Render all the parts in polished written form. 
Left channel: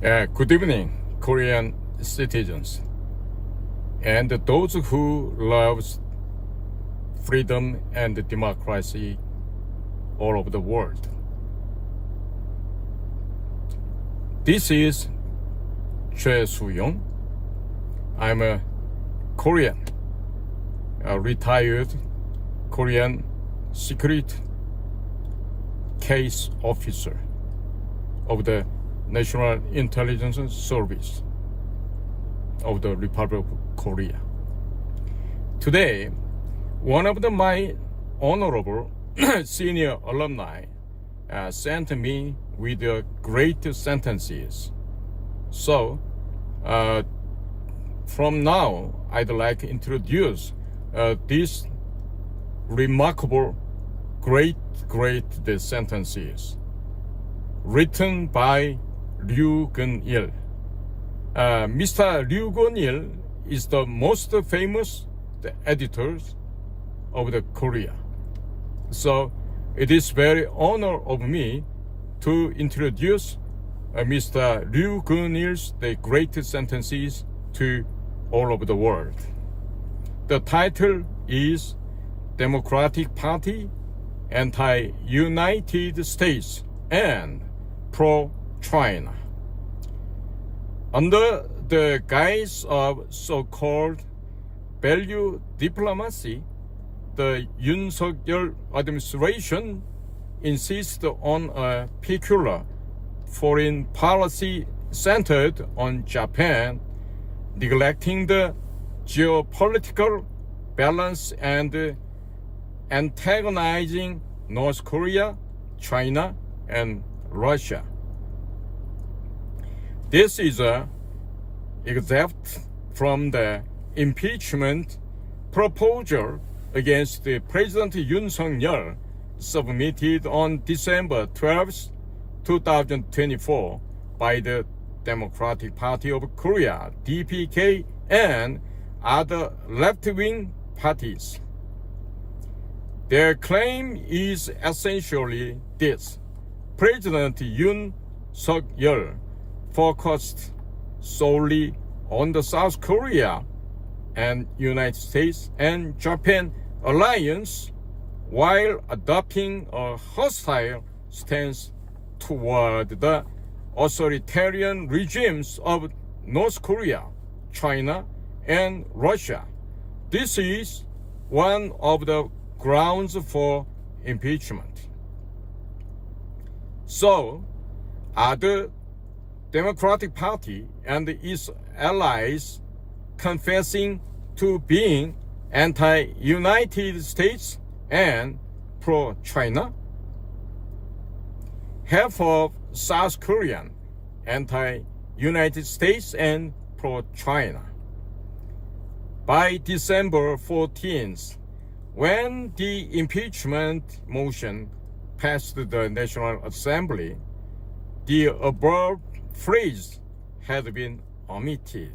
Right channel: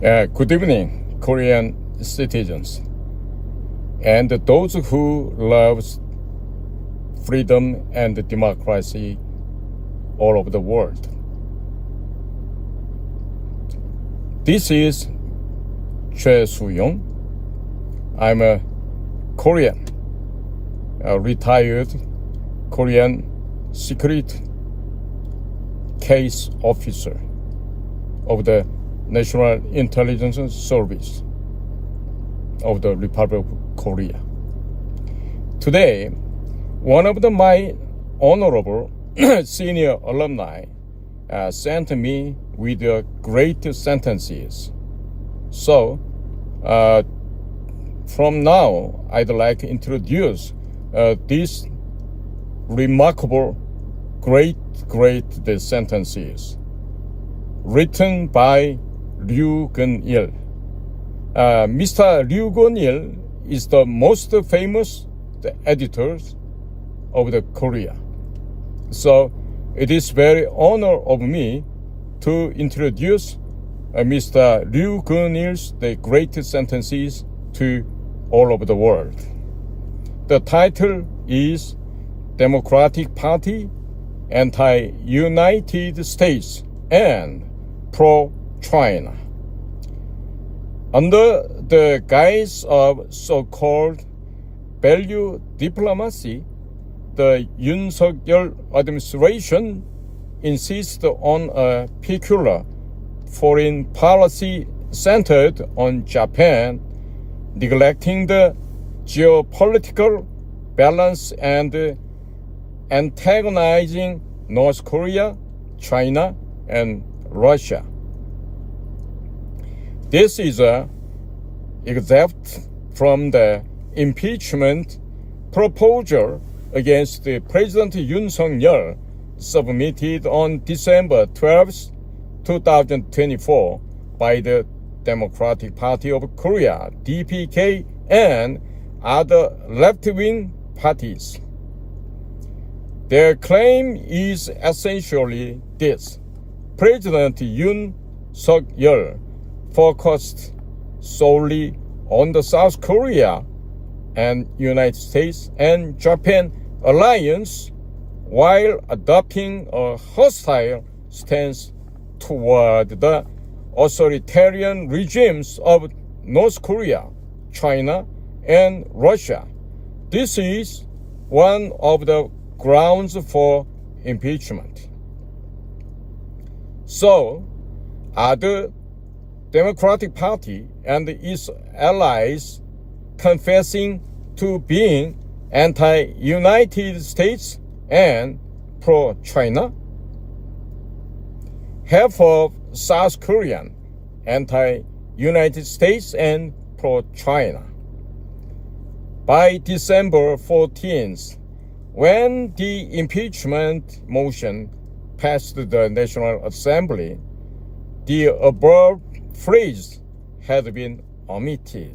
Good evening, Korean citizens, and those who love freedom and democracy all over the world. This is Choi Soo-young. I'm a Korean, a retired Korean secret case officer of the National Intelligence Service of the Republic of Korea. Today, one of my honorable senior alumni sent me with great sentences. So, from now, I'd like to introduce these remarkable, great sentences written by Ryu Gun-il. Mr. Ryu Gun-il is the most famous editor of the Korea. So it is very honor of me to introduce Mr. Ryu Gun-il's the great sentences to all over the world. The title is Democratic Party, Anti-United States, and Pro-China. Under the guise of so-called value diplomacy, the Yoon Suk-yeol administration insists on a peculiar foreign policy centered on Japan, neglecting the geopolitical balance and antagonizing North Korea, China, and Russia. This is an excerpt from the impeachment proposal against President Yoon Suk-yeol submitted on December 12, 2024 by the Democratic Party of Korea, DPK, and other left-wing parties. Their claim is essentially this: President Yoon Suk-yeol focused solely on the South Korea and United States and Japan alliance while adopting a hostile stance toward the authoritarian regimes of North Korea, China, and Russia. This is one of the grounds for impeachment. So, are the Democratic Party and its allies confessing to being anti-United States and pro-China? Half of South Korean anti-United States and pro-China. By December 14th, when the impeachment motion passed the National Assembly, the above phrase had been omitted.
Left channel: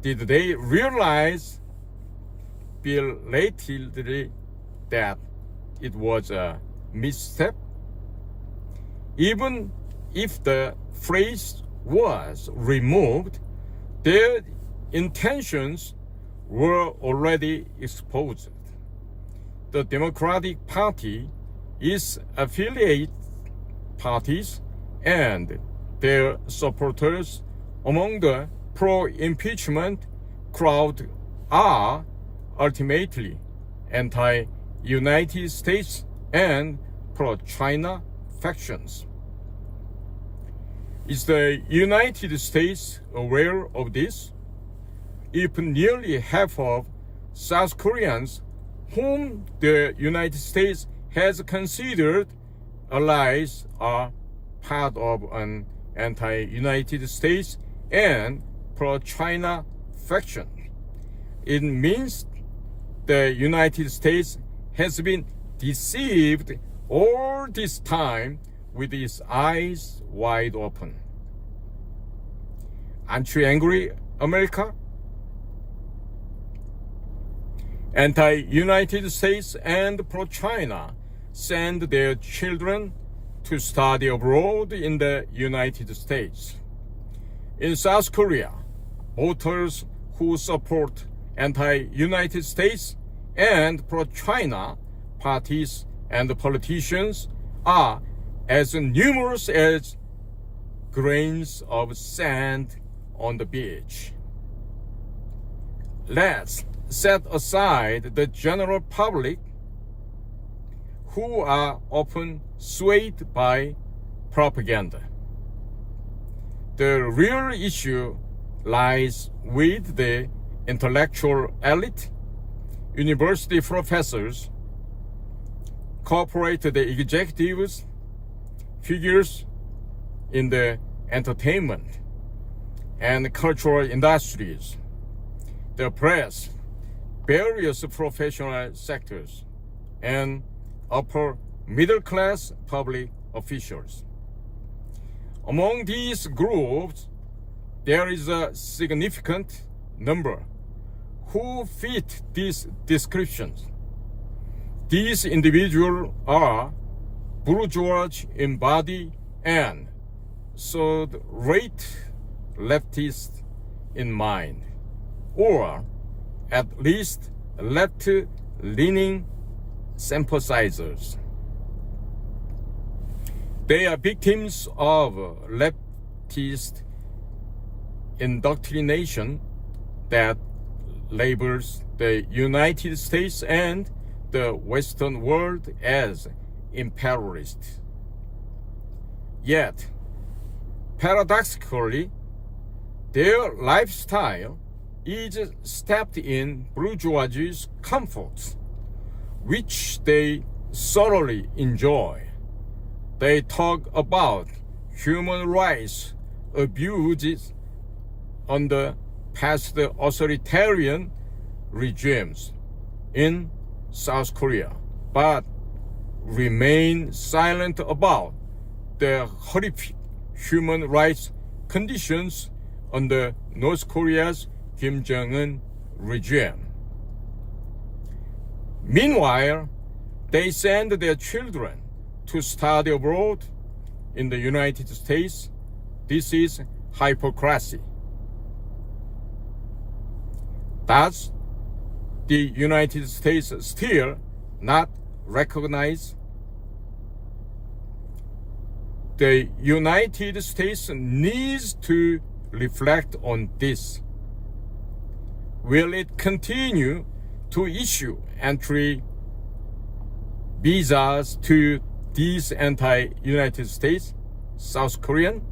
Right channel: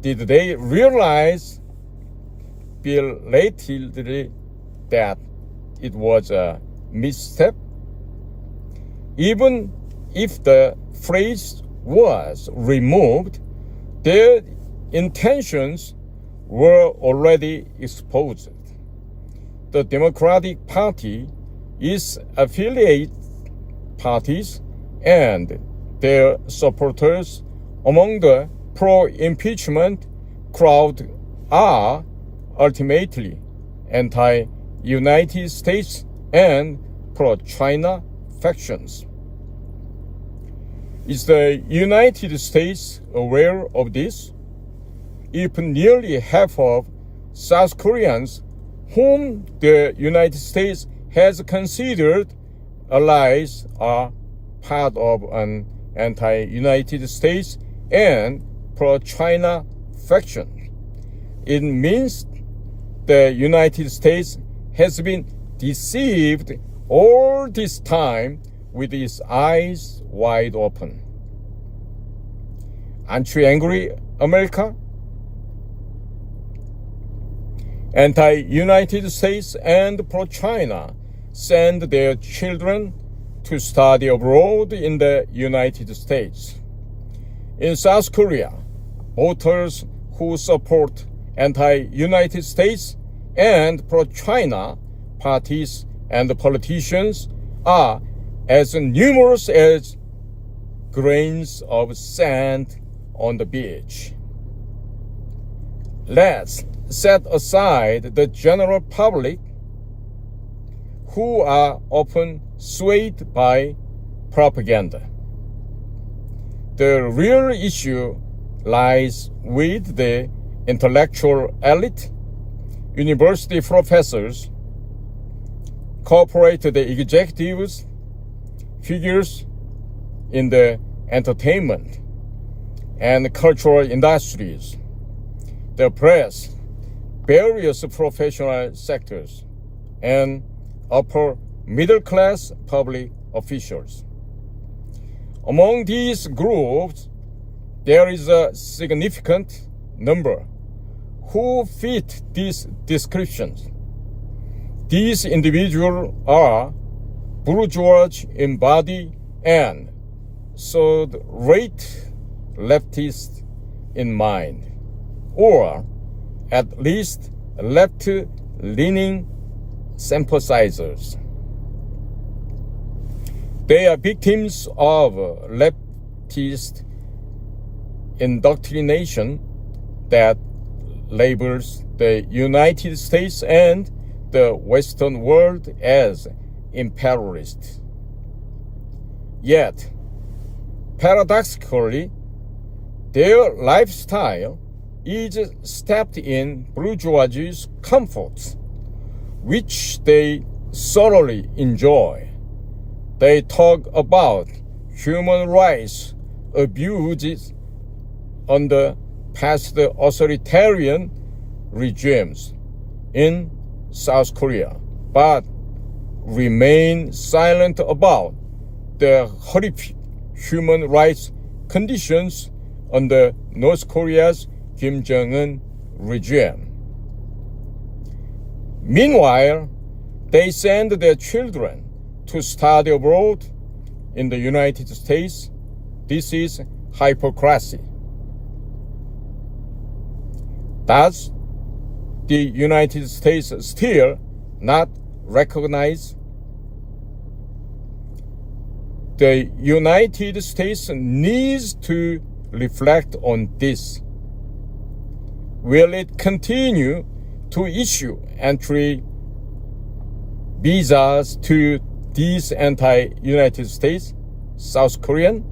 Did they realize belatedly that it was a misstep? Even if the phrase was removed, their intentions were already exposed. The Democratic Party, its affiliate parties, and their supporters among the pro-impeachment crowd are ultimately anti-United States and pro-China factions. Is the United States aware of this? If nearly half of South Koreans whom the United States has considered allies are part of an anti-United States and pro-China faction, it means the United States has been deceived all this time with its eyes wide open. Aren't you angry, America? Anti-United States and pro-China send their children to study abroad in the United States. In South Korea, voters who support anti-United States and pro-China parties and politicians are as numerous as grains of sand on the beach. Let's set aside the general public who are often swayed by propaganda. The real issue lies with the intellectual elite, university professors, corporate executives, figures in the entertainment and cultural industries, the press, various professional sectors, and upper middle-class public officials. Among these groups, there is a significant number who fit these descriptions. These individuals are bourgeois in body and third-rate leftists in mind, or at least left-leaning sympathizers. They are victims of leftist indoctrination that labels the United States and the Western world as imperialist. Yet, paradoxically, their lifestyle is steeped in bourgeoisie's comforts, which they thoroughly enjoy. They talk about human rights abuses under past authoritarian regimes in South Korea, but remain silent about the horrific human rights conditions under North Korea's Kim Jong-un regime. Meanwhile, they send their children to study abroad in the United States. This is hypocrisy. Does the United States still not recognize? The United States needs to reflect on this. Will it continue to issue entry visas to these anti-United States, South Korean?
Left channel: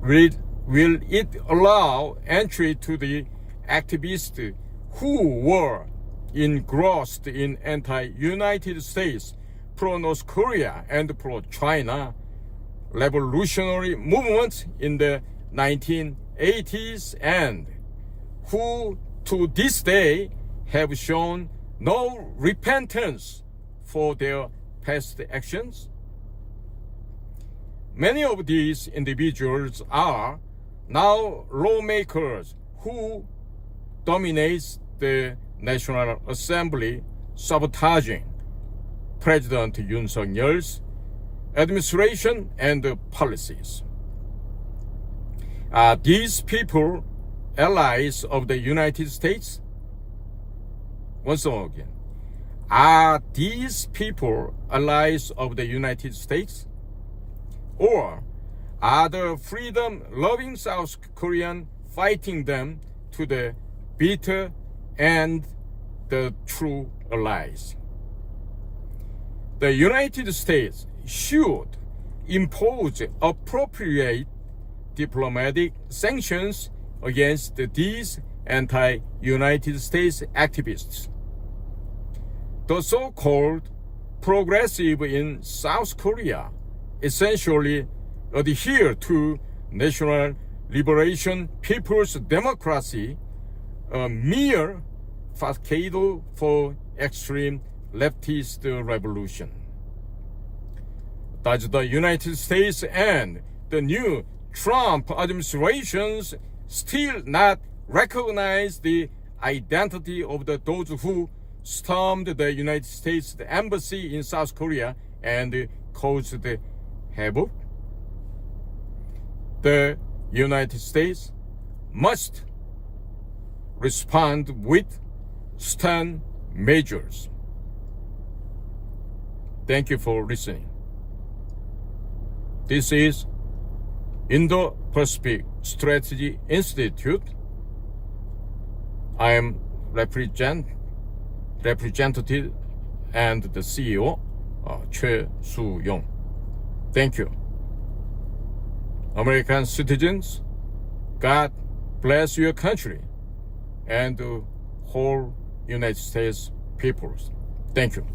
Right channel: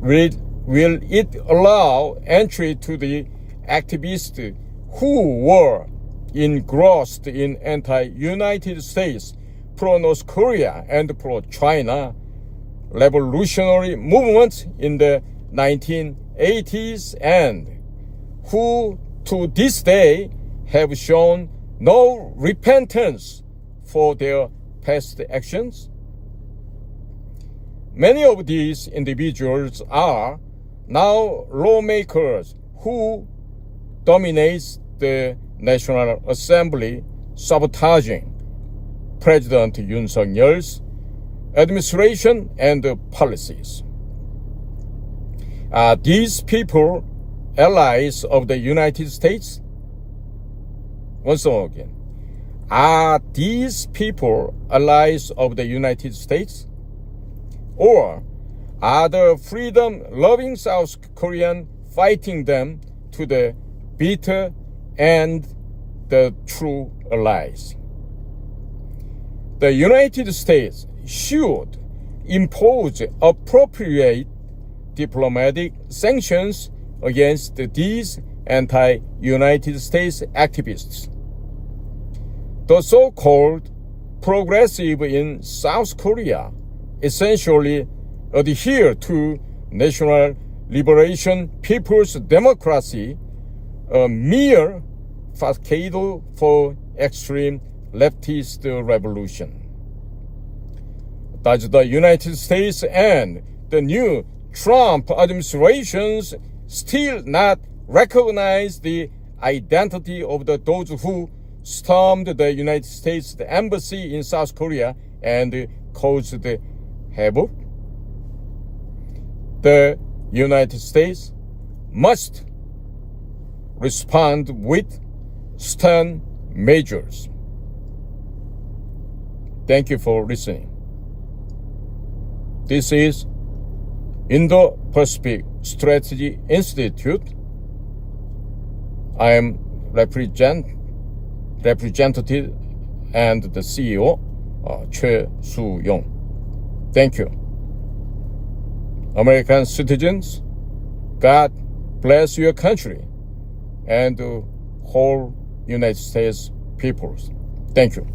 Will it allow entry to the activists who were engrossed in anti-United States, pro-North Korea, and pro-China revolutionary movements in the 1980s and who to this day have shown no repentance for their past actions? Many of these individuals are now lawmakers who dominate the National Assembly, sabotaging President Yoon Suk-yeol's administration and policies. Are these people allies of the United States? Once again, are these people allies of the United States? Or are the freedom-loving South Koreans fighting them to the bitter and the true allies? The United States should impose appropriate diplomatic sanctions against these anti-United States activists. The so-called progressive in South Korea essentially adhere to National Liberation People's Democracy, a mere facade for extreme leftist revolution. Does the United States and the new Trump administrations still not recognize the identity of those who stormed the United States embassy in South Korea and caused havoc, the United States must respond with stern measures. Thank you for listening. This is Indo-Pacific Strategy Institute. I am representative and the CEO, 최수용. Thank you. American citizens, God bless your country and the whole United States peoples. Thank you.